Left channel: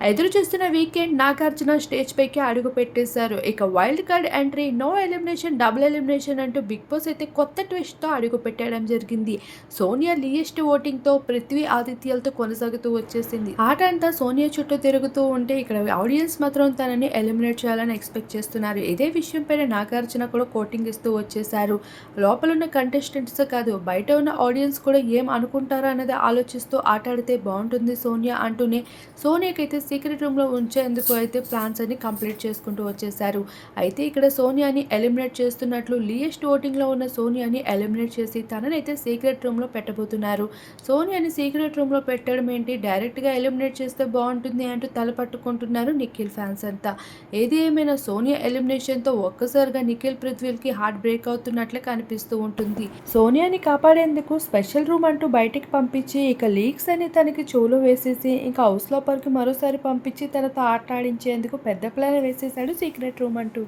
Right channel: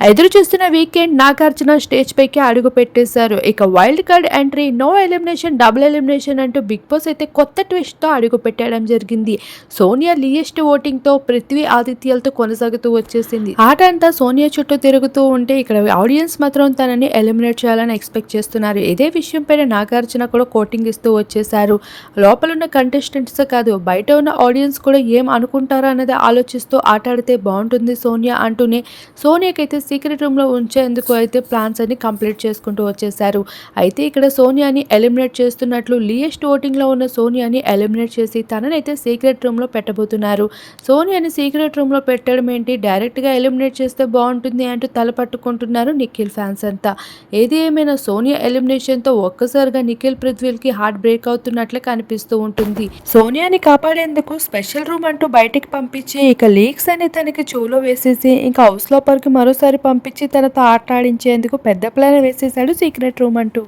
ఎదురు చూస్తున్న weekend Nagarjuna stage పైకి అడుగు పెట్టేశారు. ఇక wild card entry no elimination double elimination అంటూ బిగ్ బాస్ అయితే కొత్త ట్విస్ట్తో అడుగు పెట్టడం జరిగింది. సోనియా లీయెస్ట్ ఓటింగ్తో పృథ్వీ ఆదిత్యాలతో కొనసాగుతూ వచ్చేసింది. ఆట అంతా సోనియా చుట్టూ తిరుగుతూ ఉంటే ఇక్కడ ఆడియన్స్ మాత్రం తనని ఎలిమినేట్ చేయాలని ఎక్స్పెక్ట్ చేస్తున్నారు. ఇదే విషయం పైన నాగార్జున కూడా కోటింగ్ ఇస్తూ వచ్చేసారు లోపల ఉన్న కంటెస్టెంట్స్ కాదు బయట ఉన్న ఆడియన్స్ కూడా ఏం అనుకుంటారో అన్నది ఆలోచిస్తూ ఆట ఆడితే బాగుంటుంది సోనియా అంటూనే సోనియాకైతే సీక్రెట్ రూమ్లో ఉంచేందుకు అయితే ప్లాన్స్ అన్ని కంప్లీట్ చేసుకుంటూ వచ్చేసారు అయితే ఇక్కడ సోనియాని ఎలిమినేట్ చేస్తున్నట్లు లియెస్ట్ ఓటింగ్లో ఉన్న సోనియాని ఎలిమినేట్ చేసి తననైతే సీక్రెట్ రూమ్లో పెట్టబోతున్నారు. సోనియాని సీక్రెట్ రూమ్లో పెట్టడం ఏంటి? డైరెక్ట్గా ఎలిమినేట్ చేస్తే బాగుంటుంది అంటూ తల పట్టుకుంటున్నారు నిఖిల్ ఫ్యాన్స్ అంతా. ఏది ఏమైనా సోనియా ఎలిమినేషన్తో ఒక్కసారిగా నిఖిల్ పృథ్వీల్కి హార్ట్ బ్రేక్ అవుతున్నట్లే కనిపిస్తూ ఉంటుంది. సోనియాని కాపాడేందుకు స్పెషల్ రూమ్ అంటూ బయటికి పంపించి ఇక లీక్స్ అని తనకి చెవులో వేసేసి ఇంకా హౌస్ లోపలికి మరోసారి పంపించి తనతో ఆట ఆడించేందుకు పెద్ద ప్లాన్ వేసేసాడు సీక్రెట్ రూమ్ అంటూ.